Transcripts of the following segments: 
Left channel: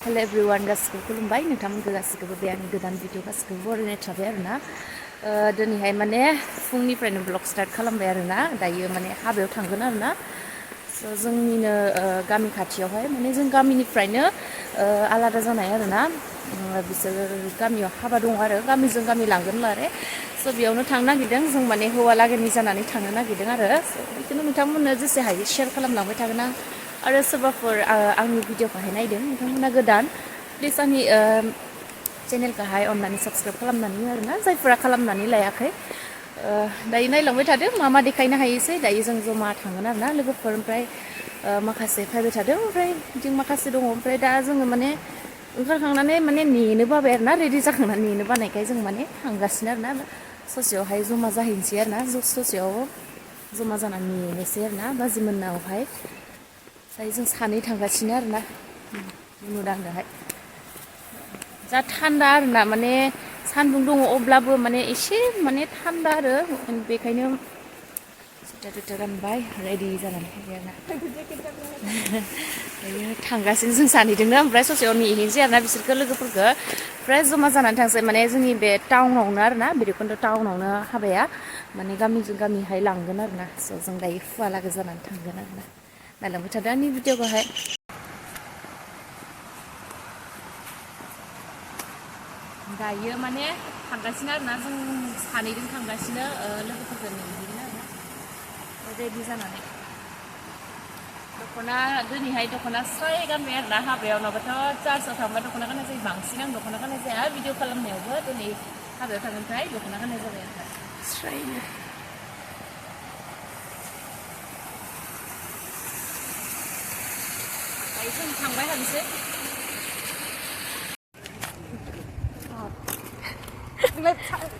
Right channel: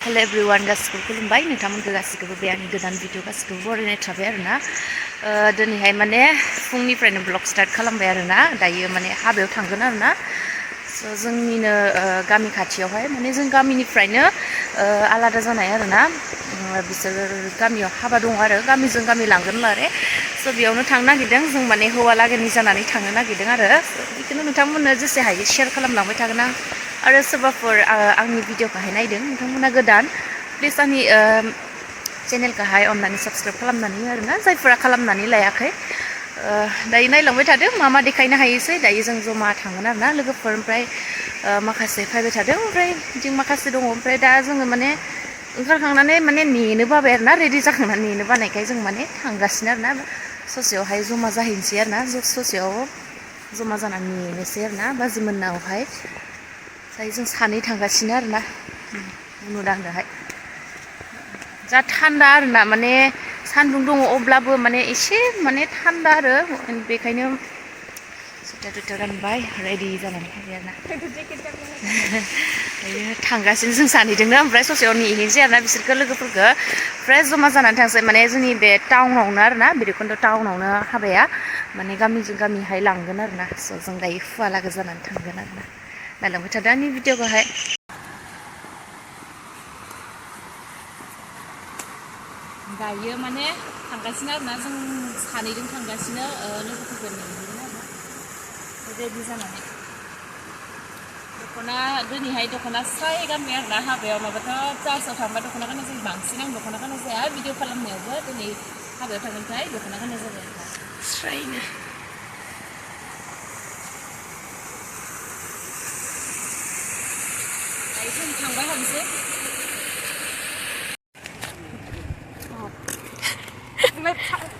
Hello everyone, गासिखौबो खुलुमबाय नोंथांमोनखौ गासिखौबो बे आंनि गोदान भिडिअ गासिखौबो बरायनाय थाबाय आरोना दिनैहाय माने फुंनिफ्रायनो ब्लग स्टार्ट खालामबाय आरोना दायो माने हाबायाव थांगोन आरोना जोंनिनो गामि खाथियावहाय माने जों गामिनिफ्रायनो आलादा जानाय आरोना बिसोर गामियाव हाबा दं आरो गामिजों गामि लांगोन मारे बेयावनो थांनो नागिरदों जों माने हौवा लागोनि जानानै थांनो नागिरदों आरो बेखौनो नोंथांमोननो जेसे हायो शेयार खालामलांबाय थागोन आं आरो सोरबाफोर आंनि भिडिअखौहाय नायदों नोंथांमोना गोदान प्लिज आंनि चेनेलखौहाय अननानै साबस्क्राइब खालामनानै आरोना जायफोरा खालामनानै लायाखै दायो नायलांबाय थादों मा मा देखायनो हायोसै दायो जों जमा थांगोन आरोना लोगोफोर ओमफ्राय माखासे फैबाय थादों ओमफ्राय बिथिं माखासे दङ ओमफ्राय दा जोङो माने ओंखारखांनानै माने नेनो बाबाय आरोना रेडि जाखांनानै नेनो बानायखाय जों माने थांगासिनो आरोना ससेयावहाय जमा जाहैनोसै आरोना ससेयाव जमा जानानै नेनोसै आरोना बाजै मोननावहाय दायो जों सानै थांगासिनो आरोना नुदांदोहाय जा थान्दा आरोना माने सान्दुं दङ अब्लाबो माने एसे माने थान्दा आरो बेखायनो सुइटार टुइटार गानबाय रेडि जानानै फैबाय आरोना दायो थांगासिनो जों सानैजोंनो ओमफ्राय ससेयाव नेहैनोसै आरोना बिसोरखौ लोगोफोरखौ ओमफ्राय जमा जानानै थांसै माने जोंनि बे टाउनावनो आरोना भैरबकुन्द टाउनावनो हाबाया माने गामिजों गामिहाय लांगोन आरोना जों दायो हुवा लागो जानानै थांगोन आरोना नायलांबाय थादों आंनि भिडिअखौहाय दायो माने थांगासिनो आरोना जों सानैजों थांगासिनो लोगोफोरखौ नेहैगोन आरोना रेडि जानानै दख'ना दिनैहाय दख'ना स्राय गानबाय आरोना हाबायाव नङाबाथ' चार्चआव थांबा दख'ना गाननाय जायो बांसिन आं दख'ना गाननाय जाया भिडिअ खालामनायावबो दिनै हाबायाव थांगोनखाय दख'ना गाननाय जाबाय आरोना स्रायनो दायो जों थांबाय हानोसै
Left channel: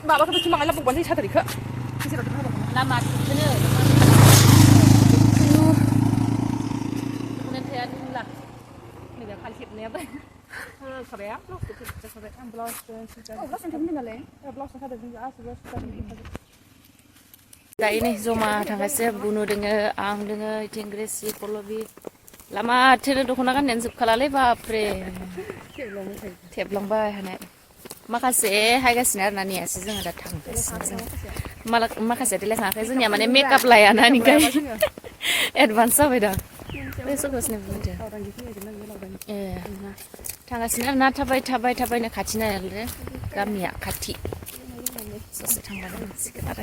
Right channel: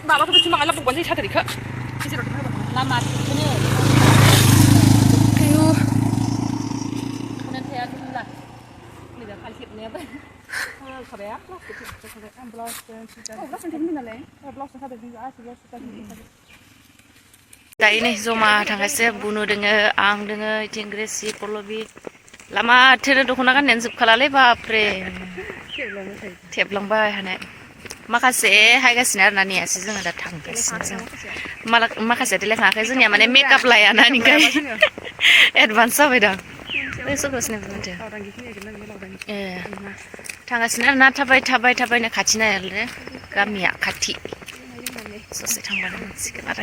माबाखौ बिदि माला बुंबानो जायो सादोरिखौ लामा बेखौनो दख'ना थाया जोंला नैबे खालि खेबनायाबो खाबाया ब्लाउस थेबनो नालाय ब्लाउस सादोरजों गासिबो दायो नै जमा थांगासिनो बुनु दोङो आं दोङो इथिं ग्रेसि पल्लबि लामा थेनो दख'ना गाननायानो जोबखालालै बापरे थेबलांबाय हानाय माखासे हायगासिनो आरोना नेयासै जोङो दा थांगासिनो जों माखासे देलायखाङाखै जोंनिया माने मेकआप लायाना ओंखाय एडभान्स जाबाय दां सगासिनो माथो ए थांगासिनो आरोना थाबायनो खाथि नालाय गामिया खाथि ससे थांबानो मोनसिगोन आरो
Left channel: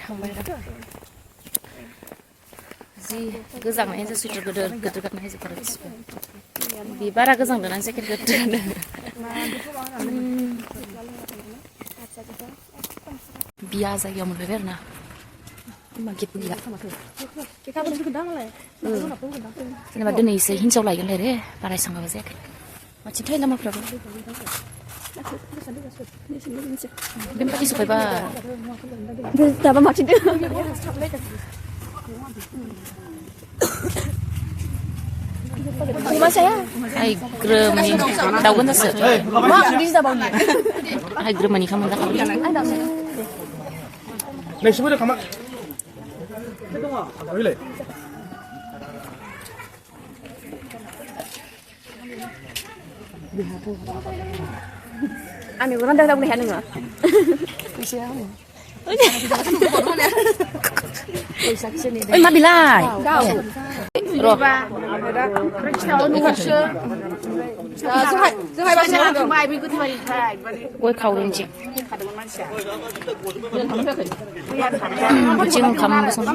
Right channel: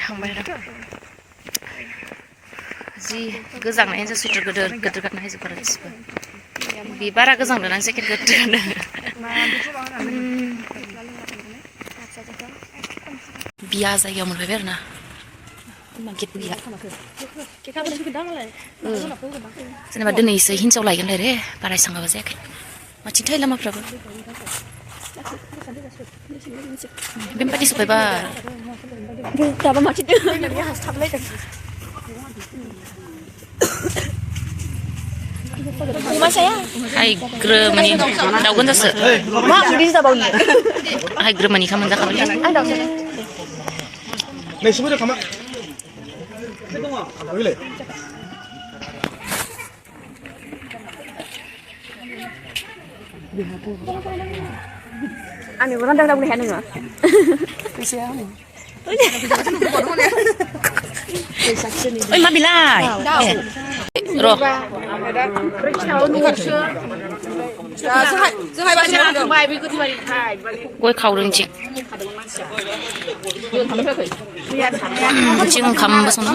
थांबाय आरो जि गोजांनाय जा सुइटार गिदिर गिदिर गानना हायजोब आरो गासिबो बे बारा गोजांदों आं जेकेट गिदिर गानो बिया जायगायाव मोनफैबाय आरोना गित बिया जेनेबा दिनैसो हिनजाव लायगोनलाय रे बारा एसां माबा जायाखै माथिं थायो लामाफ्राबो बेबायदि सफैबाय दाबा माथिं हाय ग्रोमानि दाउगोन जासो हाय ग्रोमानि खामानि जाखाबाय नोंसिबो खामा दङ आंनि रान्दा रावनो हाया नोङो ओइ मा बिलाइ र' गय खावदों इथिं ओंखामबो संदों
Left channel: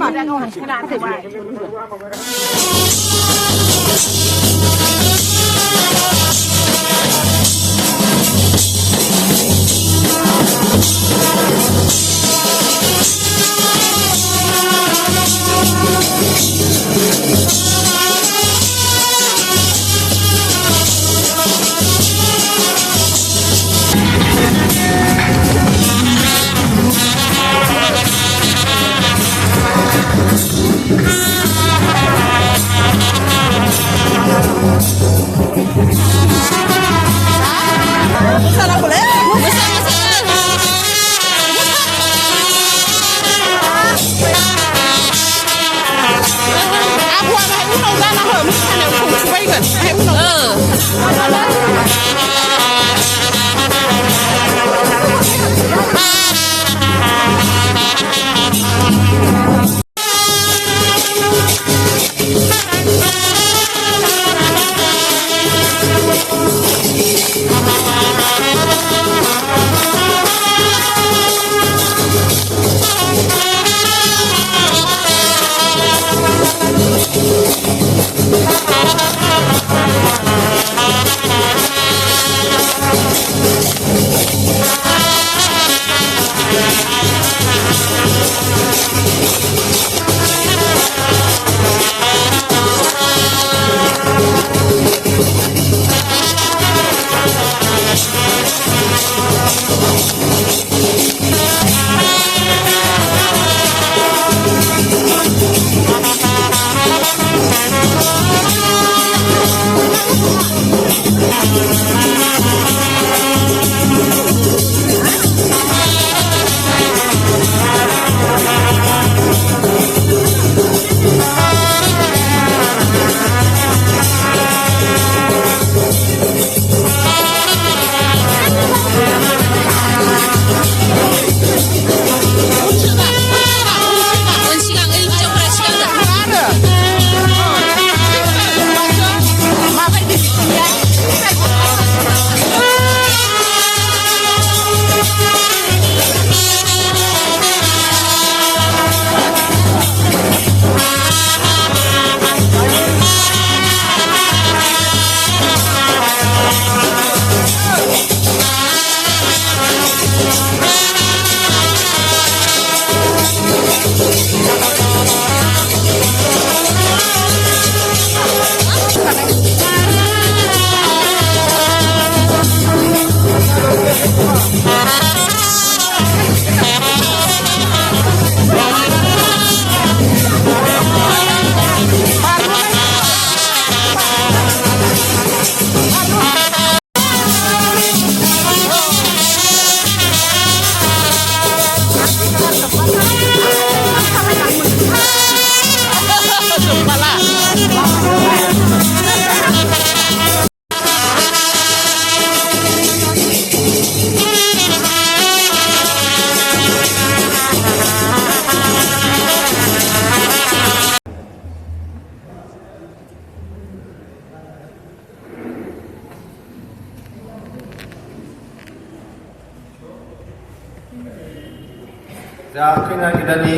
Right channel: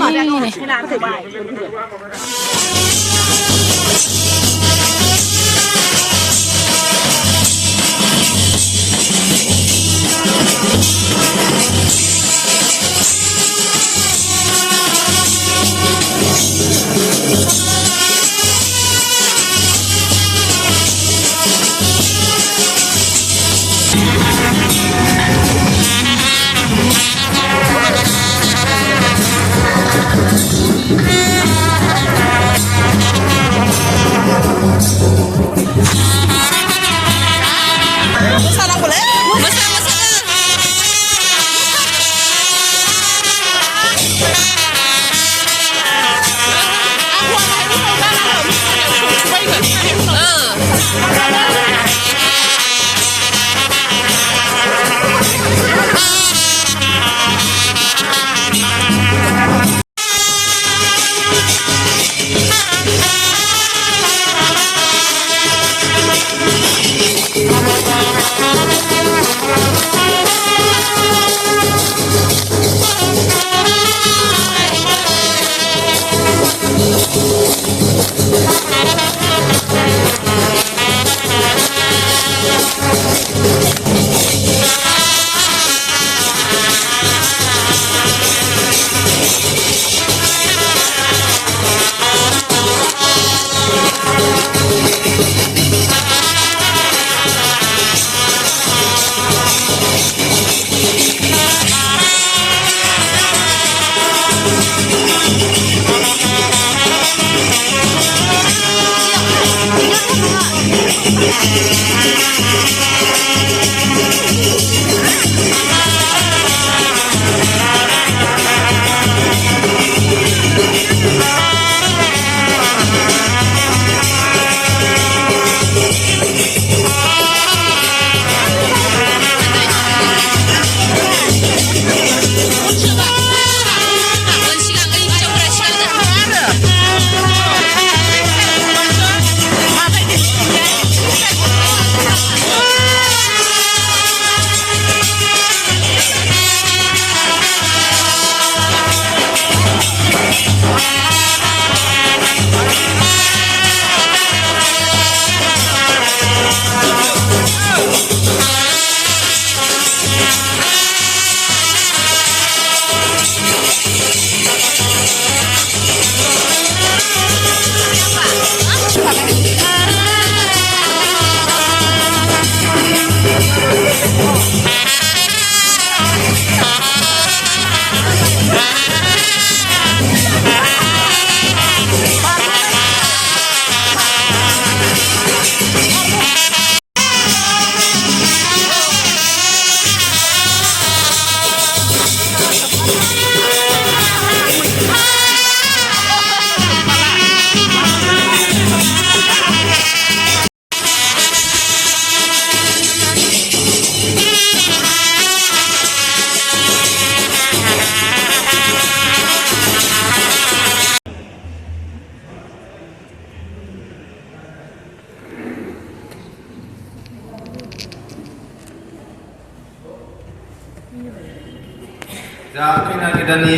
자, खैना गोदाननि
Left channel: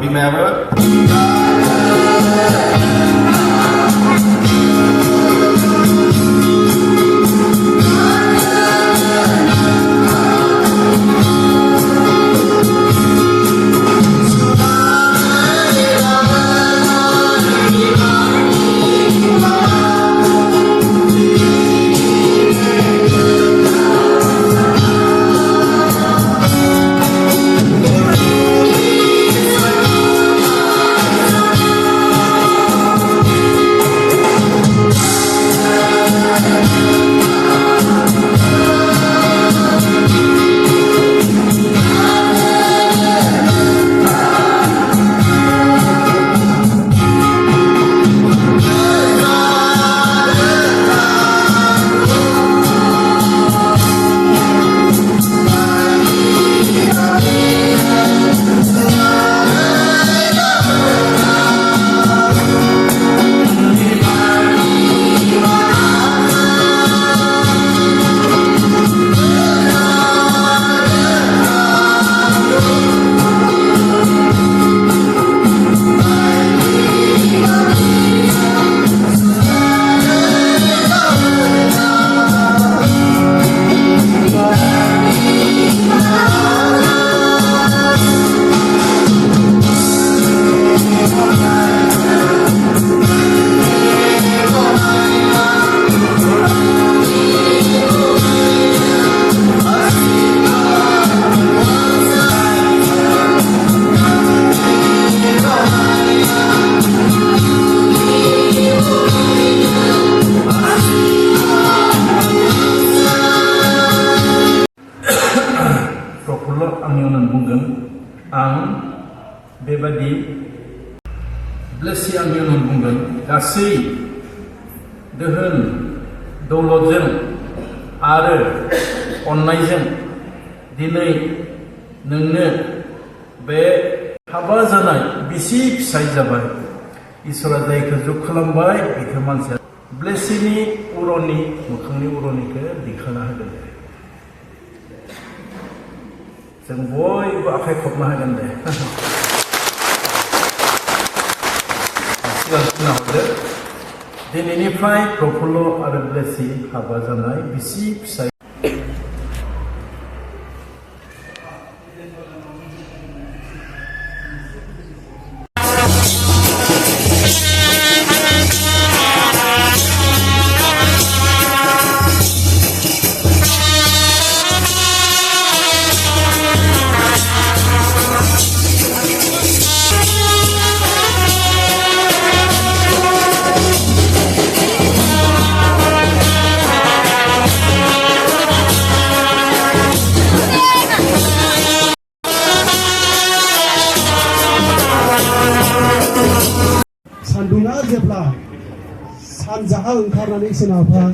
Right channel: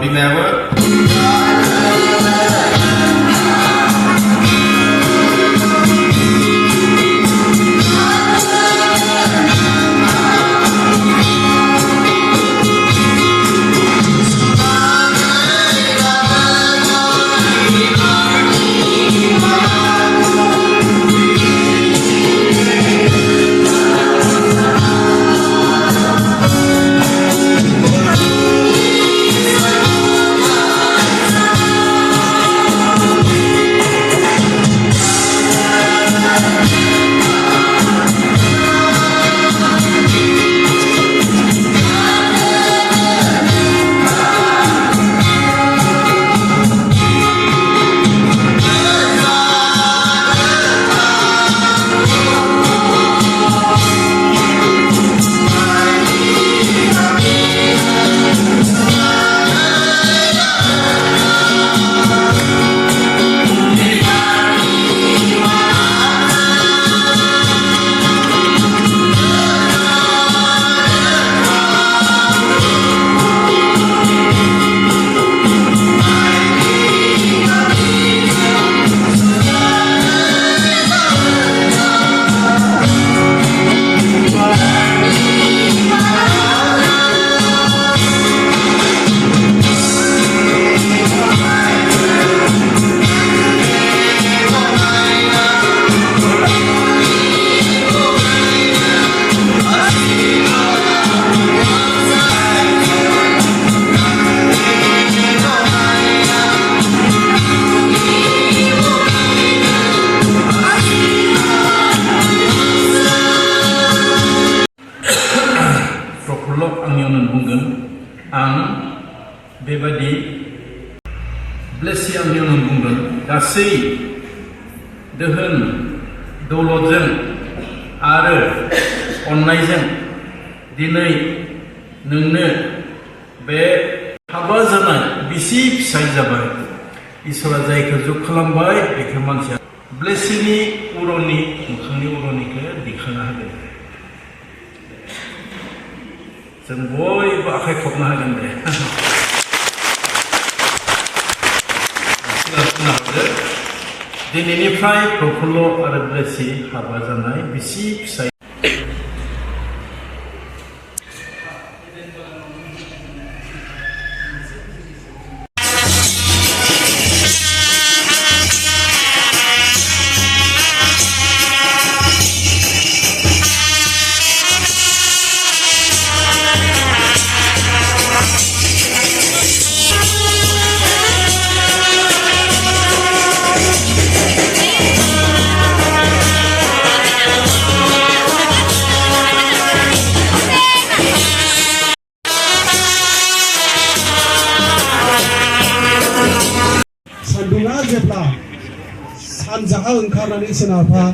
बिमायाबो आं बेबादि ब्लेसिं आंनियावनो बुंदों गासै दोहोन दौलतजों आरो अननायजों दिनै नोंनो बे हाबा जानाय बिसि फिसाय जाबाय इसोरा जायखौ जुग खालामबाय बेखौ मानसिया ब्लेसिंनि उरनि मोखांनि उरनिखौ दिखांना होगोन जों बयबो आखाइ खबनो हागोन दे दिनैनिफ्राय प्रफुल्ल आरो ब्लेसि हाबा जानाय बिसि फिसाय सान्दुङा जेब्ला सानजाहा ओंखारनानै सोनाबहा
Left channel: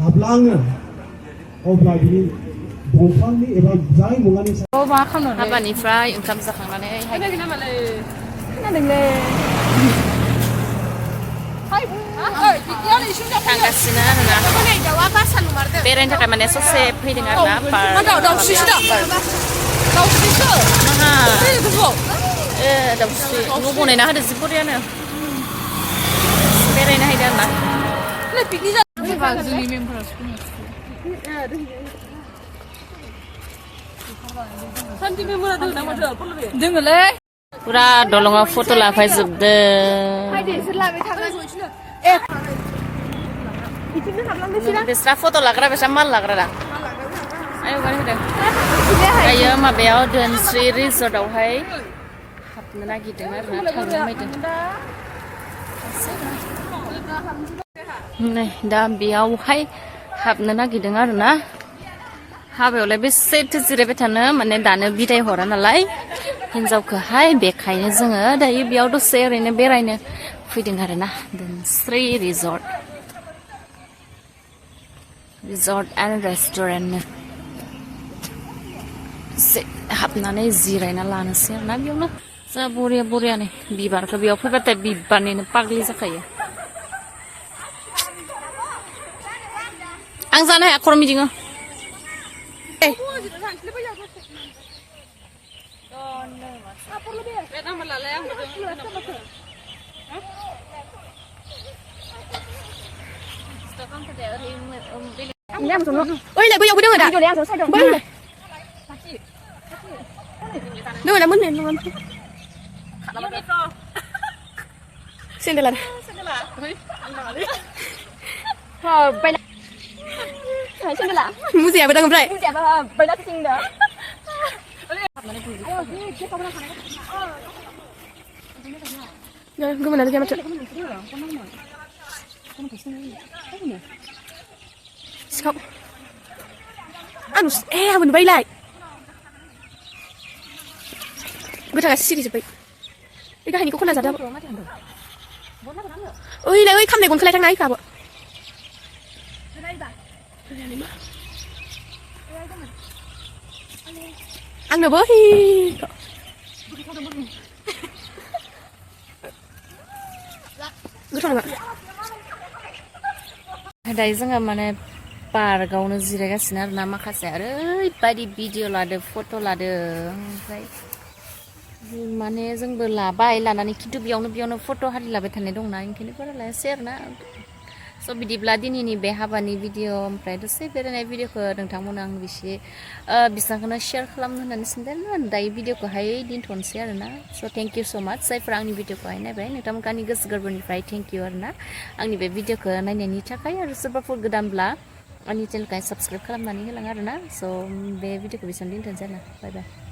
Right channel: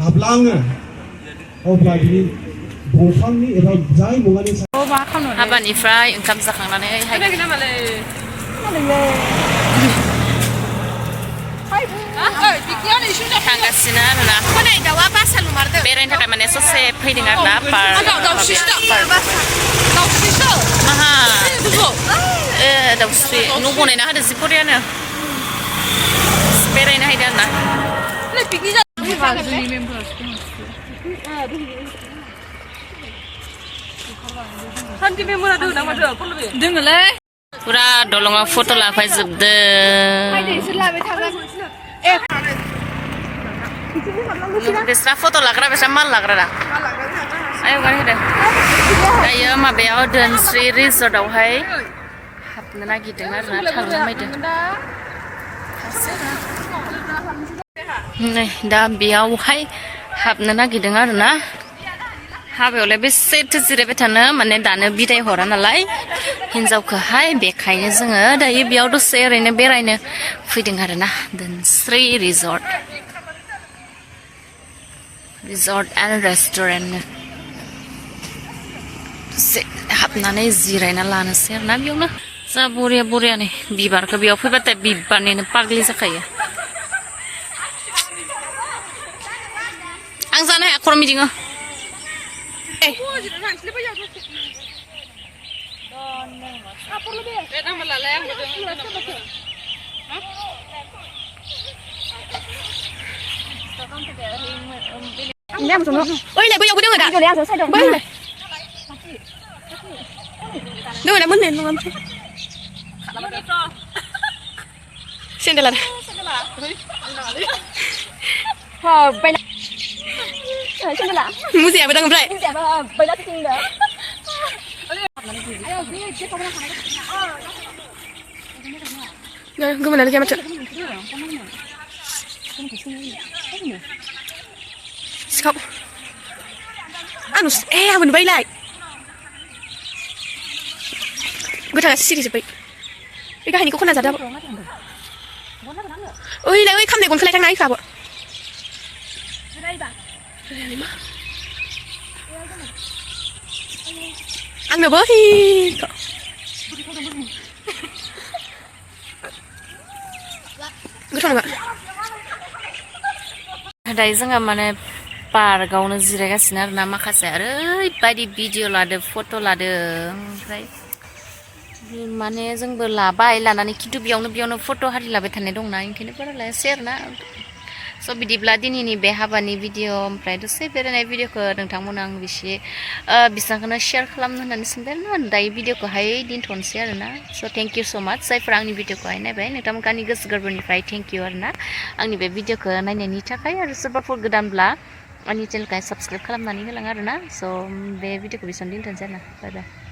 हाबलाङो अब्ला बिनि दंफांनि एबा जाय मुवानि हाबानिफ्राय ओंखाम जाखांनानै थांगासिनो आरोना बेरायनो थाखाय माने ससे फैदों आरोना दाउस्रि न' बनायना होदो जि बरियानो बेरायनो हायदो आरोना पुरा दलङाव फट' लाफायजोबदों बेस्रा फट' लाग्रा बेस्रा माल लाग्रा दा आयौ गारि होदों दायो माबायाव धोनस्रि रिजर्टआवहाय हाबनो नागिरदों आरोना थांनो नागिरदों नै दा बेयावहाय हाबनो नागिरदों आरोना हाबायावलाय बेसेथो जिरायबाय थानो माने दानो बिदाय हरा नालाय हिनजावखौहाय बेखायनो जोङो दायो बेयाव दसे ओरैनो बेरायनो फैदों आरोना धोनस्रि रिजर्ट एन्ड रेस्टुरेन्टनो दसे हाबनानै जिरायना लानोसै आरोना बेयावनो जा बरिया बरियानो बिबारखौ बेयाव फैबाथाय बिबारनिनो पाग्लि जाखायो आं जानो हाया खर' मिदिङो ôi lại bây giờ có đứa người đã bây giờ đứa đã muốn lên luôn xin đây là muốn gì à bây giờ không vậy rồi cứ mình làm cho mà chợ không ăn mình bay lại gue thằng xí thì bay cái này có con nào giả đâu ơi lại ơi khăm này còn khăm này thằng này phải bộ ăn được bớt thì gue thằng này दायो जोङो माने पार्कआवनो जिरायगासिनो आरोना माखासे ओरैबायदि video लादो फट' लादो ओमफ्राय माने जोंबो लाबाय लानानै खिन्थु बेयावनो फट' हारि लाबाय थानाय दंना ओंखायनो बारा लायासै आरोना स' बिदिब्ला दिनैनि बे हाबानि भिडिअ ओमफ्राय दसे बेरायनाय भिडिअखौ नोंथांमोन आं बेसेबांखौनो शेयार खालामनो होननानै सानबाय आरोना दायो भिडिअखौहाय दोनथ'नोसै आरोना स' थेंक इउ स' माच जायफोरा आंनि भिडिअखौहाय नायबाय नोंथांमोनखौ आंनि गोसो गोरबोनिफ्राय थेंक इउ आरोना आंनि बे भिडिअखौ नायनायनि थाखाय आरो सोरबाफोर गोदानब्ला आंनि चेनेलखौहाय साबस्क्राइब खालामनानै होलां आरोना स' बे भिडिअखौ बेसेबां दोनथ'नोसै आरोना बाय बाय